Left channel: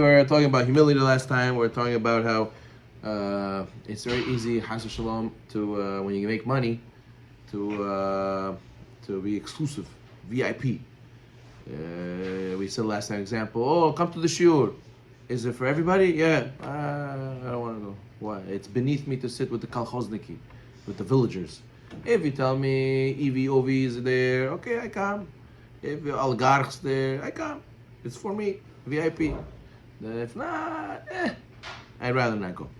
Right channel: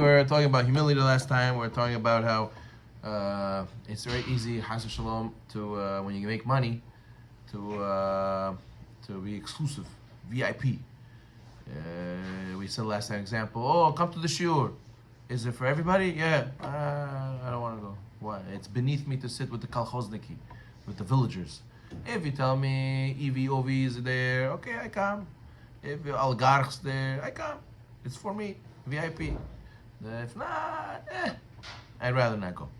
We were talking about humility last time. We were talking about how it's very easy, Chas Shalom, to when you make money, to be exclusive, VIP. We said last time example. Oh, come to the shiur. Is it for everybody? Yeah. I don't want to go. Why? It's beneath me to sit with the kalchozniki, with the villagers. If you tell me EV, is there, okay, I come. If oligarchs there, I come. It's for me, VIP. If not, I'd rather not go.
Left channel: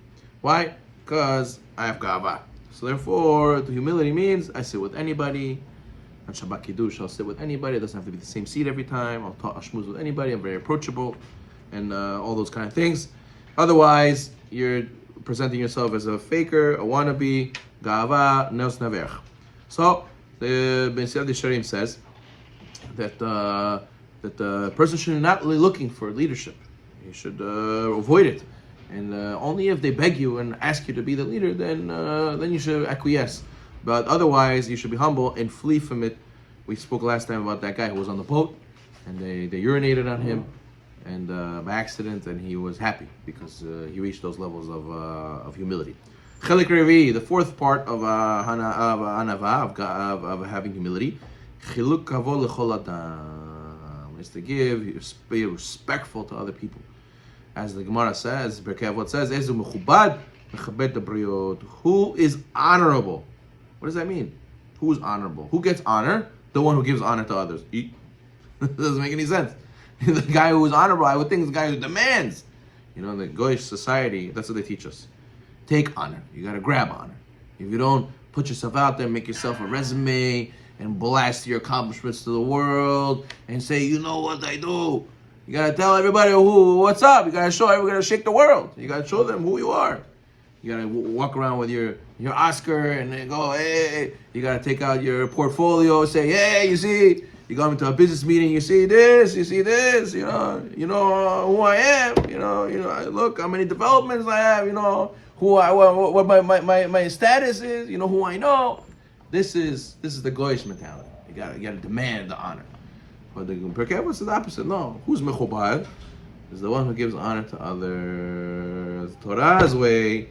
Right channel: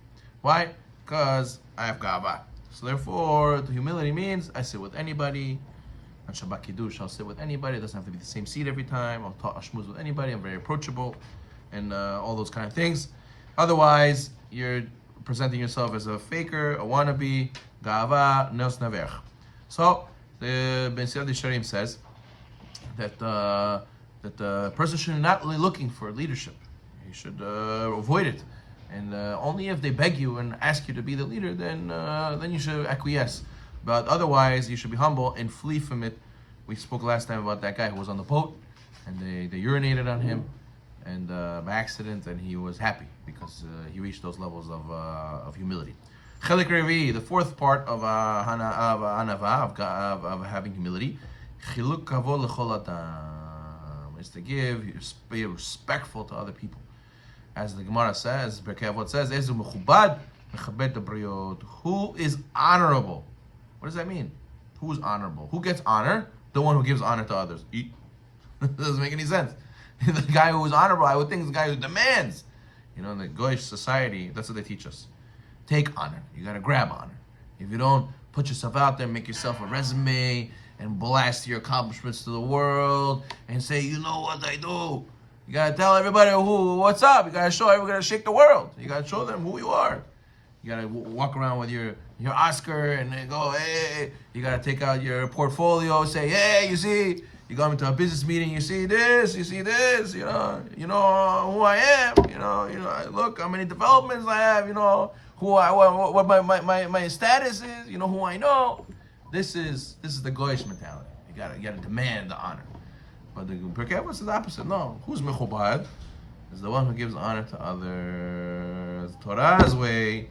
Why? Because I have gava. So therefore, the humility means I sit with anybody. On Shabbat Kiddush, I'll sit with anybody. It doesn't have to be the same seat every time. I'll talk shmooze with anybody. I'm very approachable, and all those kind of things. Otherwise, you're presenting yourself as a faker, a wannabe, gava, neos naver. So the B'Siyad Yesharim says that the person should not really looking for leadership. You should avoid it, and only if they beg you and ask you to be the leader, then you should acquiesce. But otherwise, you should be humble and flee from it. We spoke last time about that guy who was on the boat, and they urinated on him, and by accident, and he was happy because he reached those levels of humility. Chelik Revi, the fourth part of anava, of having humility, chiluk kavod lechol adam, is to be respectful to other people. As the Gemara says, Berkei Avot says, Ezu mechubad mechabed habriot. Who is honorable? What does that mean? Who is honorable? Who gets honor? The one who gives honor to others. Doesn't make any sense. The guy who is honorable, I would think, is the guy who demands. You know, in the Goyish society, that's what they teach us. Take honor. You got to grab honor. If you don't put yourself out there, make yourself a resume, and blast your accomplishments to the world, and say, you know what I do. You got to tell everybody what's up. You got to show everybody, to shake the world. You got to show them who you are. You gotta walk around with your Oscar and then go, hey. You gotta take out your portfolio, say, hey, you see, you go into a business meeting, you see this, you know who I am, you know, look how many developments I have, you know, what my status is, you know who I know. This is the Goyish mentality. You gotta demand the honor. But the Perkei Avot is the opposite. No, who's mechubad is the one who gives honor to others. Torah's way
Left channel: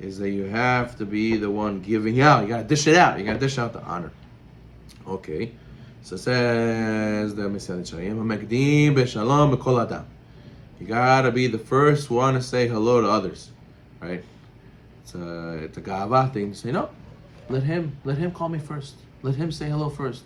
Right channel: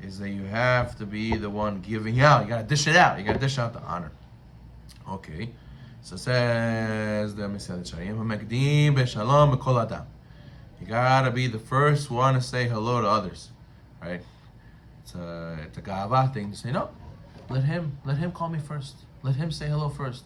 is that you have to be the one giving out. You gotta dish it out. You gotta dish out the honor. Okay. So it says the B'Siyad Yesharim, b'shalom b'kol adam. You gotta be the first one to say hello to others. Right? It's a gava thing to say, no. Let him call me first. Let him say hello first.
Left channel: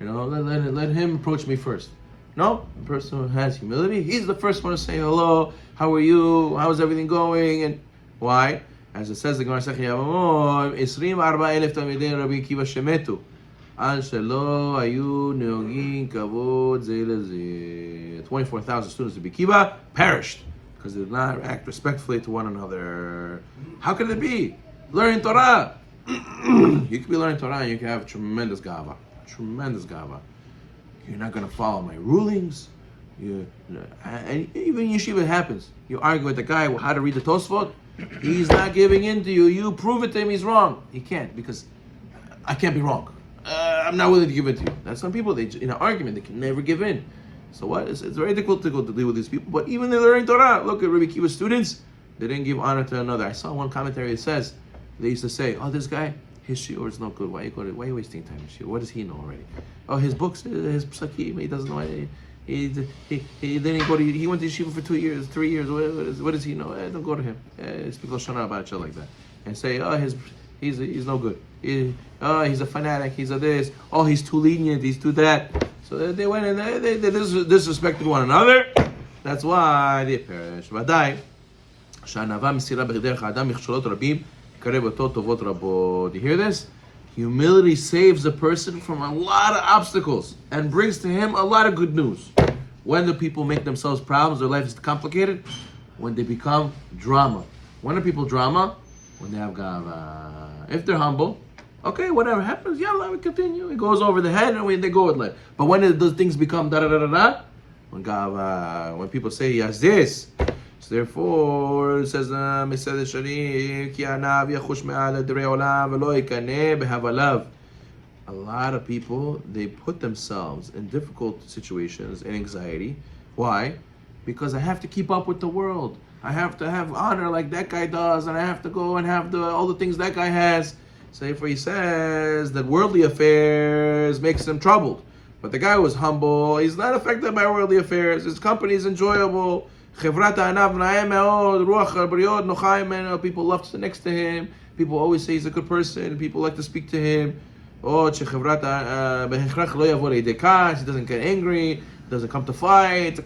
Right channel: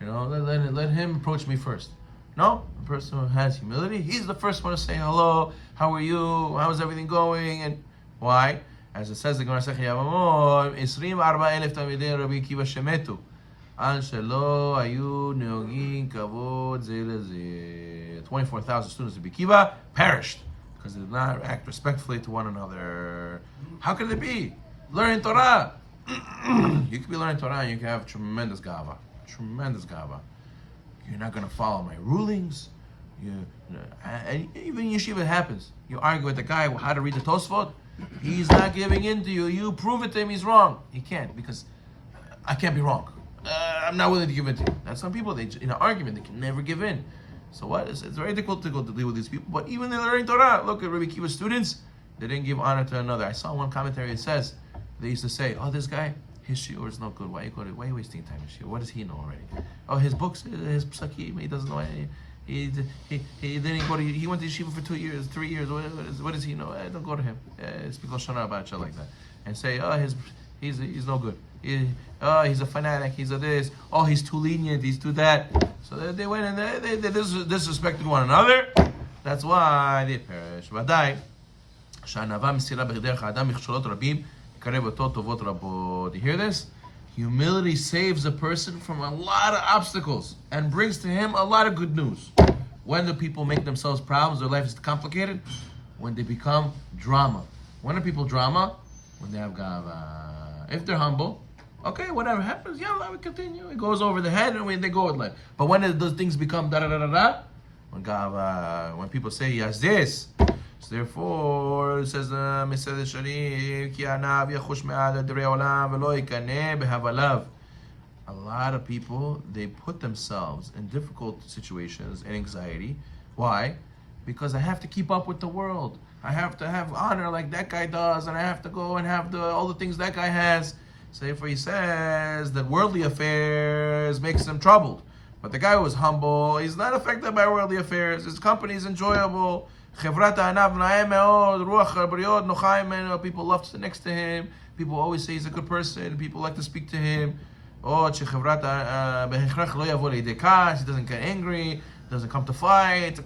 You know, let him approach me first. No, the person who has humility, he's the first one to say hello. How are you? How's everything going? And why? As it says, the Gemara Masechet Yevamot, 24,000 Talmidei Rabbi Akiva shemetu, al shelo hayu neogim kavod zeh lezeh. 24,000 students of Rabbi Akiva perished because they did not act respectfully to one another. How can it be? Learning Torah. You could be learning Torah and you can have tremendous gava. You're not going to follow my rulings. And even in yeshiva it happens. You argue with the guy how to read the Tosfot. He's not giving in to you. You prove it to him he's wrong. He can't, because I can't be wrong. I'm not willing to give in to you. That's some people, in an argument, they can never give in. So what? It's very difficult to deal with these people. But even they're learning Torah. Look at Rabbi Akiva's students. They didn't give honor to another. I saw one commentary. It says, they used to say, oh, this guy, his shiur is not good. Why are you wasting time in shiur? What does he know already? Oh, his books, his psakim, he doesn't know. He didn't go to. He went to yeshiva for 2 years, 3 years. What does he know? Don't go to him. Speak Lashon about shit like that, and say, oh, he's no good. He's a fanatic. He's a this. Oh, he's too lenient. He's too that. So they went and they disrespected one another. That's why they perish. ודאי שהענווה מסירה בדרך האדם מכשולות רבים יקרב אותו טובות רבות. Do you hear this? Humility saves a person from a lot of obstacles and brings to him a lot of good news. When do people make themselves problems, their life is complicated? When they become drama. When are people drama? When they have gava. If they're humble, okay, whatever happens, yeah, let me continue. It goes over the head and they go with life. But when those things become da-da-da-da-da, when gava, when people say he has this, so therefore, it says, B'Siyad Yesharim, ki anav yachush me'al adrei olam v'lo yikaneh b'havalav. A lot of people, they put themselves in difficult situations and anxiety. Why? because I have to keep up with the world. I have to have honor like that guy does, and I have to go and have all the things that guy has. So therefore he says that worldly affairs makes him troubled. But the guy who was humble, he's not affected by worldly affairs. His company is enjoyable. People love to sit next to him. People always say he's a good person. People like to speak to him. He doesn't get angry. Doesn't come to fight.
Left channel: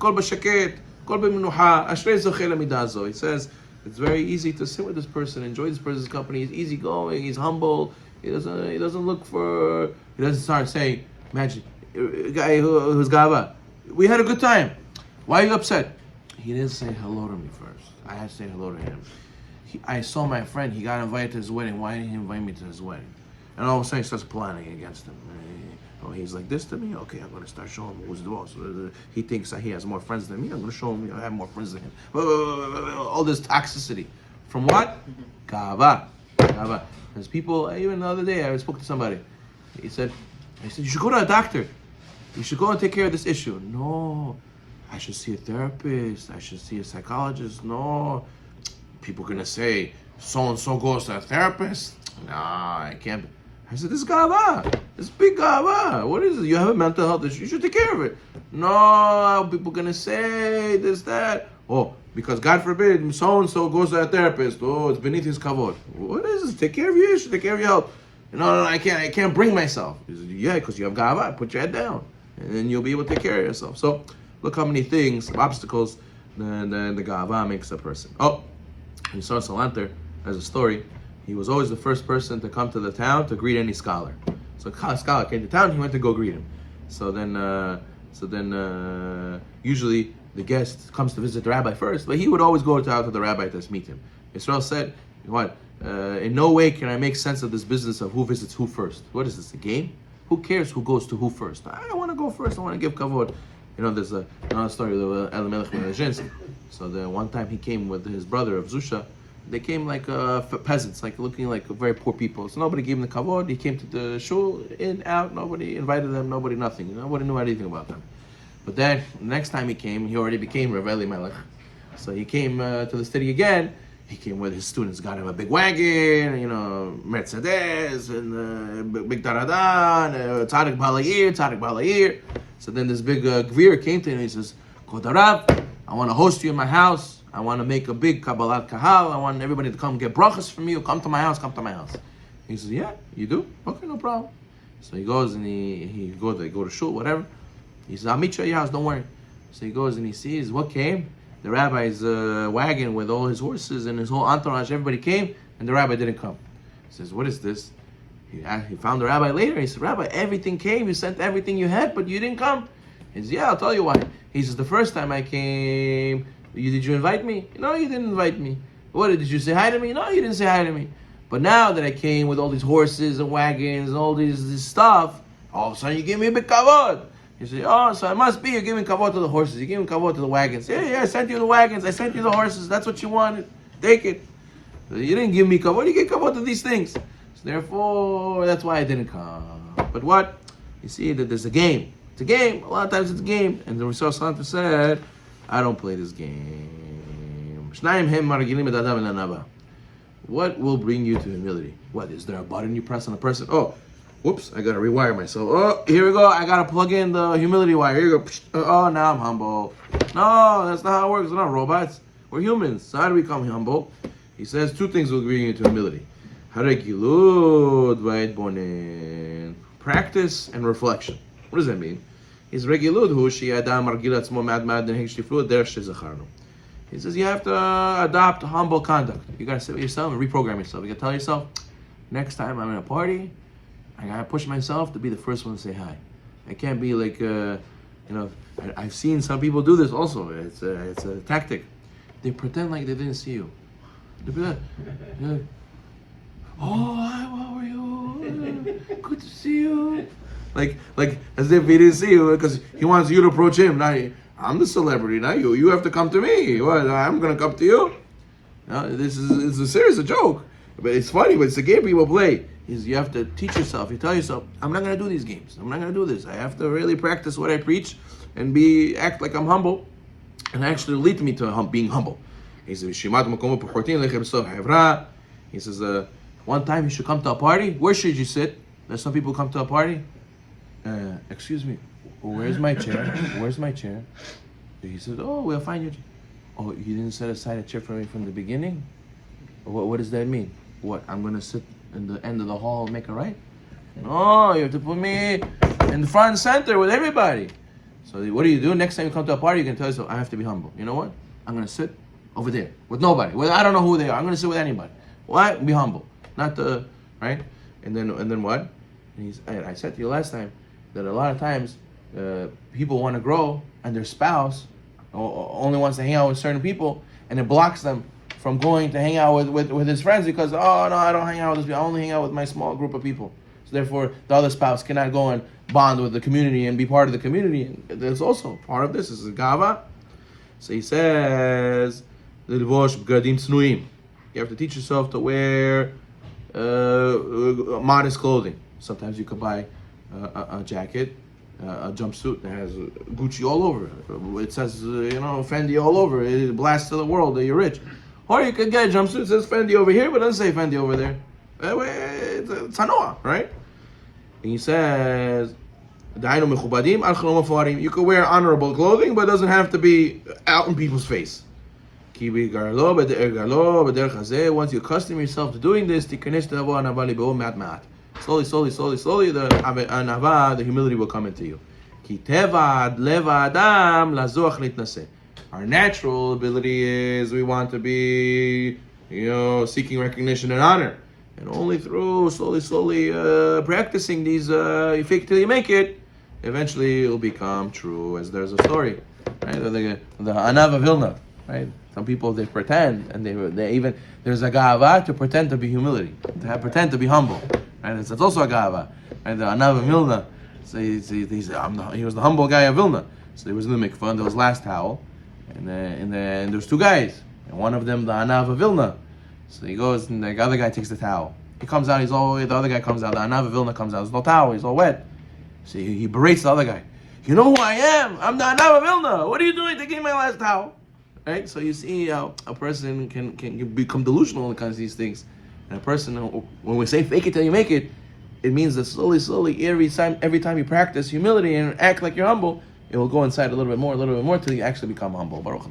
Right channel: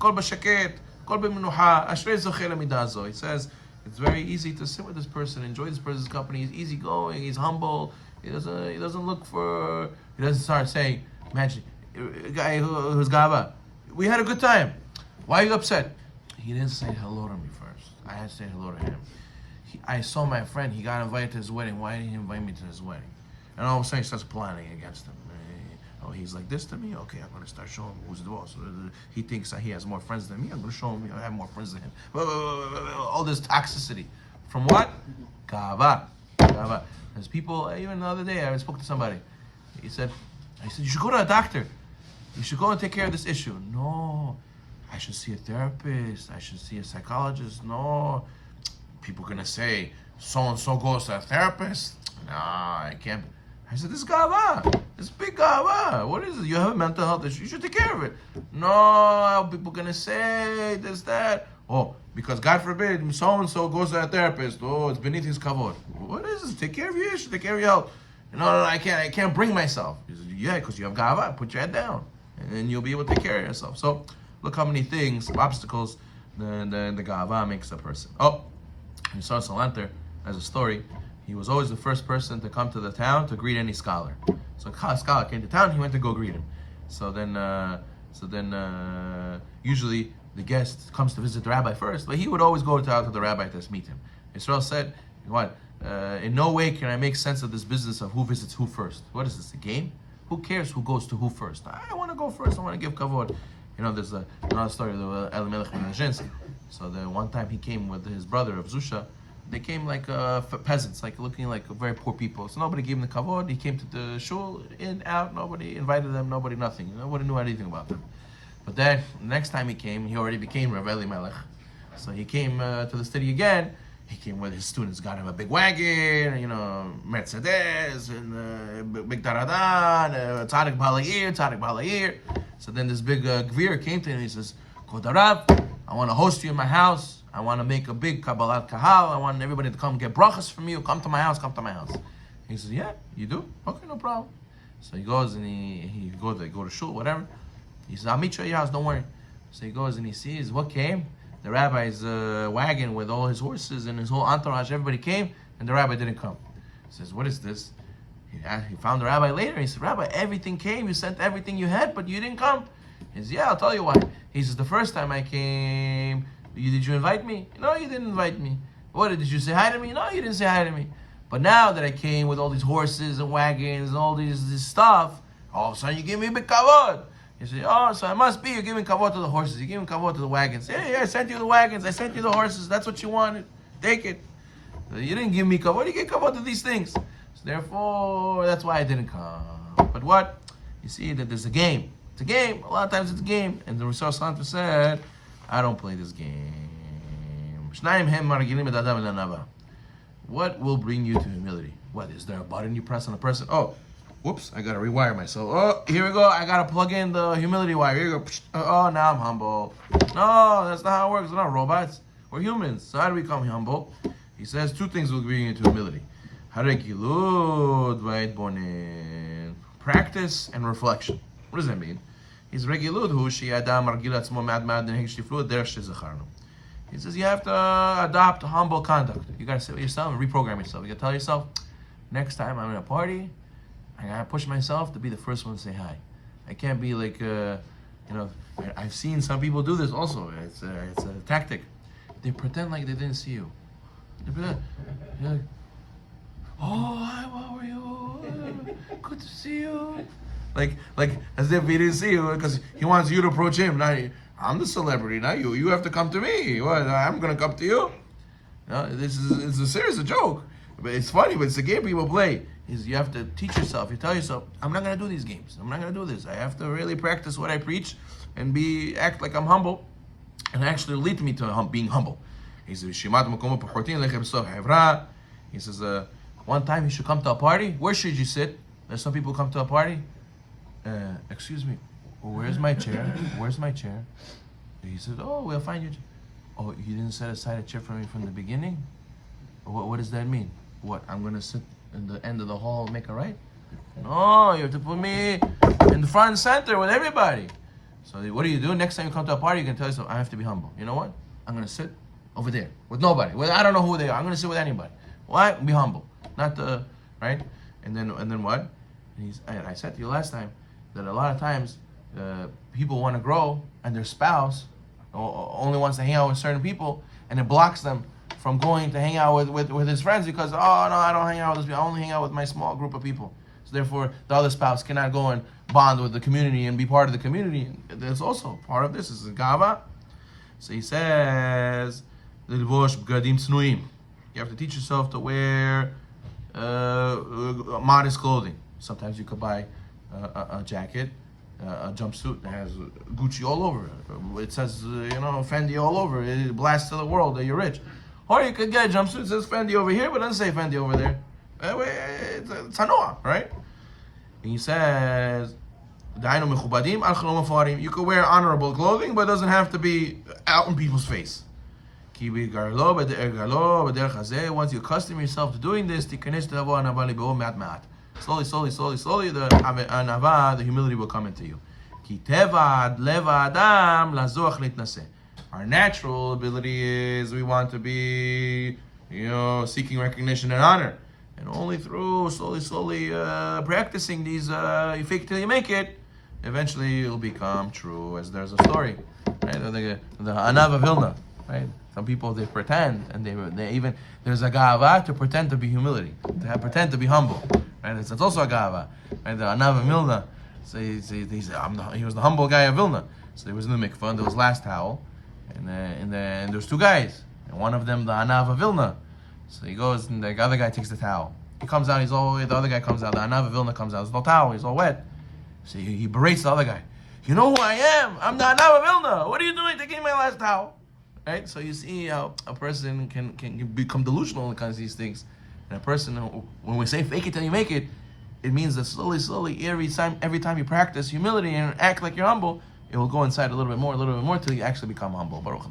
He says it's very easy to sit with this person, enjoy this person's company. He's easygoing. He's humble. He doesn't look for. He doesn't start saying, "Imagine a guy who's gava. We had a good time. Why are you upset?" He didn't say hello to me first. I had to say hello to him. I saw my friend. He got invited to his wedding. Why didn't he invite me to his wedding? And all of a sudden, he starts planning against him. Oh, he's like this to me? Okay, I'm going to start showing him who's the boss. He thinks that he has more friends than me. I'm going to show him I have more friends than him. All this toxicity. From what? Gava. There's people, even the other day, I spoke to somebody. I said, you should go to a doctor. You should go and take care of this issue. No, I should see a therapist. I should see a psychologist. No. People are going to say, so-and-so goes to a therapist. No, I can't. I said, this is gava. This is big gava. What is it? You have a mental health issue. You should take care of it. No, people going to say this, that. Oh, because God forbid, so-and-so goes to a therapist. Oh, it's beneath his kavod. What is this? Take care of your issue. Take care of your health. No, I can't bring myself. He said, yeah, because you have gava. Put your head down. And then you'll be able to take care of yourself. So, look how many things, obstacles, the gava makes a person. Oh, we saw Salanter as a story. He was always the first person to come to the town to greet any scholar. So a scholar came to town, he went to go greet him. So then usually the guest comes to visit the rabbi first, but he would always go out to the rabbi to meet him. Israel said, "What? In no way can I make sense of this business of who visits who first. What is this, a game? Who cares who goes to who first? I want to go first. I want to give kavod." There's another story of Elimelech ben Arrogance. So the one time he came with his brother of Zusha. They came like peasants, like looking like very poor people. So nobody gave him the kavod. He came to the shul, in, out. Nobody invited them. Nobody, nothing. Nobody knew anything about them. But then the next time he came, he already became Rav Elimelech. So he came to the city again. He came with his students, got him a big wagon, Mercedes, and big Taradan, Tzadik Balayir. So then this big Gvir came to him and he says, Kod Harav, I want to host you in my house. I want to make a big Kabbalat Kahal. I want everybody to come get brachas from you. Come to my house. He says, yeah, you do? Okay, no problem. So he goes and they go to shul, whatever. He says, I'll meet you at your house, don't worry. So he goes and he sees what came. The rabbi's wagon with all his horses and his whole entourage, everybody came, and the rabbi didn't come. He says, what is this? He found the rabbi later. He said, Rabbi, everything came. You sent everything you had, but you didn't come. He says, yeah, I'll tell you why. He says, the first time I came, did you invite me? No, you didn't invite me. What, did you say hi to me? No, you didn't say hi to me. But now that I came with all these horses and wagons and all this stuff, all of a sudden you gave me a big kavod. He said, oh, so it must be you're giving kavod to the horses. You're giving kavod to the wagons. Yeah, I sent you the wagons. I sent you the horses. That's what you wanted. Take it. You didn't give me kavod. You gave kavod to these things. So therefore, that's why I didn't come. But what? You see that there's a game. It's a game. A lot of times it's a game. And the Rasul Sallallahu said, I don't play this game. What will bring you to humility? What, is there a button you press on a person? Oh, whoops, I gotta rewire myself. Oh, here we go. I gotta plug in the humility wire. Here you go. Oh, now I'm humble. No, that's not how it works. We're not robots. We're humans. So how do we become humble? He says two things will bring you to humility. Practice and reflection. What does that mean? He says you have to adopt humble conduct. You gotta sit with yourself and reprogram yourself. You gotta tell yourself, next time I'm in a party, I gotta push myself to be the first one to say hi. I can't be like, I've seen some people do this also. It's a tactic. They pretend like they didn't see you. They pretend, like, oh, hi, how are you? Good to see you. Like as if he didn't see you because he wants you to approach him. Now I'm the celebrity, not you. You have to come to me. What? I'm gonna come to you. No, it's a serious joke, but it's funny. But it's a game people play. Is you have to teach yourself. You tell yourself, I'm not gonna do these games. I'm not gonna do this. I have to really practice what I preach and act like I'm humble. and actually lead me to being humble. He says, he says, one time you should come to a party. Where should you sit? There's some people come to a party. Excuse me, where's my chair? Where's my chair? He says, oh, we'll find your chair. Oh, you didn't set aside a chair for me from the beginning? What does that mean? What, I'm going to sit in the end of the hall and make a right? No, you have to put me in the front and center with everybody. So what do? Next time you come to a party, you can tell yourself, I have to be humble. You know what? I'm going to sit over there with nobody. Well, I don't know who they are. I'm going to sit with anybody. Why? Be humble. Not the, right? And then what? And I said to you last time that a lot of times people want to grow and their spouse only wants to hang out with certain people, and it blocks them from going to hang out with his friends because, oh, no, I don't hang out with those people. I only hang out with my small group of people. So therefore, the other spouse cannot go and bond with the community and be part of the community. And there's also part of this. This is gava. So he says, you have to teach yourself to wear modest clothing. Sometimes you could buy a jacket, a jumpsuit that has Gucci all over it. It says, Fendi all over it. It blasts to the world that you're rich. Or you could get a jumpsuit that says Fendi over here, but doesn't say Fendi over there. It's Hanoah, right? And he says, you could wear honorable clothing, but it doesn't have to be out in people's face. Once you accustom yourself to doing this, slowly, the anava, the humility will come into you. Our natural ability is we want to be, seeking recognition and honor. And only through slowly practicing these, you fake till you make it, eventually it will become true. As there's a story, right? The Anava Vilna, right? Some people, they pretend, and they even, there's a gava to pretend to be humility, to pretend to be humble, right? It's also a gava, right? The Anava Vilna, so he said, he was the humble guy of Vilna. So he was in the mikvah, and there was last towel, and there's two guys, and one of them, the Anava Vilna. So he goes, and the other guy takes the towel. He comes out, the other guy comes out, the Anava Vilna comes out, there's no towel, he's all wet. So he berates the other guy. You know who I am? I'm the Anava Vilna. What are you doing taking my last towel? Right? So you see how a person can become delusional when it comes to these things. And a person, when we say fake it till you make it, it means that slowly, every time you practice humility and act like you're humble, it will go inside a little bit more till you actually become humble. Baruch